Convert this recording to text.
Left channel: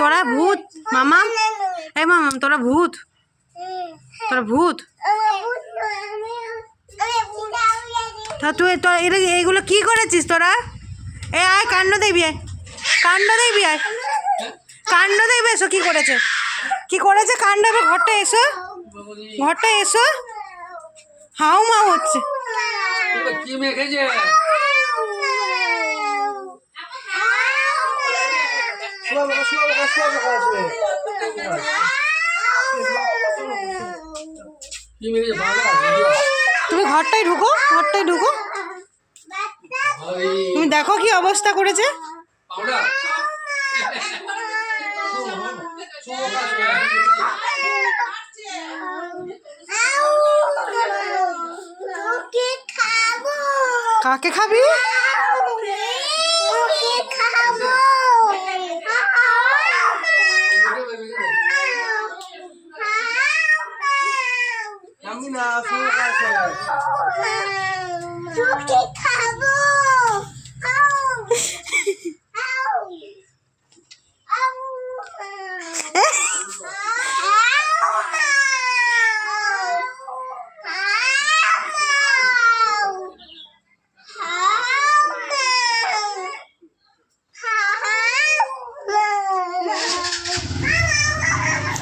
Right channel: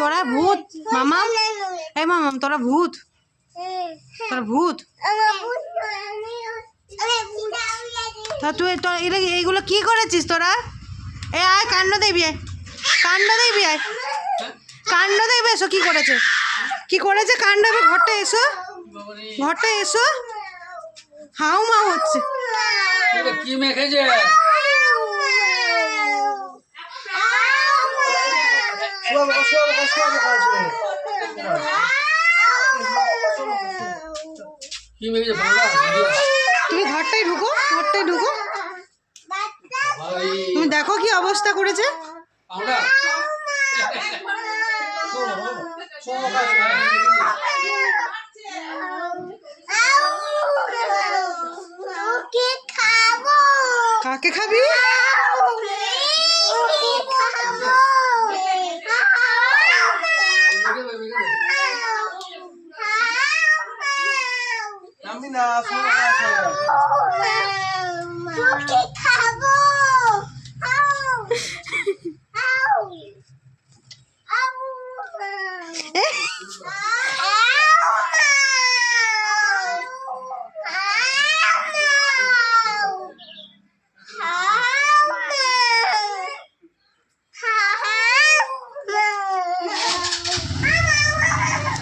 তোরা ভূত মামাম, এই মামাম তোরা ভূত, তোরা ভূত। তা তুই তোর এইগুলো কি করেছিস তোরা? এ আয় কাণ্ড দেখবি, আয় কাণ্ড দেখবি, আয় কাণ্ড দেখবে। এসো কি করেছে, কি করেছে কাণ্ড হবে। ঘরটা এসো, ঘরটা এসো। হাউ মাউ হচ্ছে। কি মেখেছে? তুমি ঘরটাই ঢুকো, ঘরটাই ঢুকো। তুমি দেখো কি অবস্থা করেছে। কাকে খাবি? আমি না খাবো।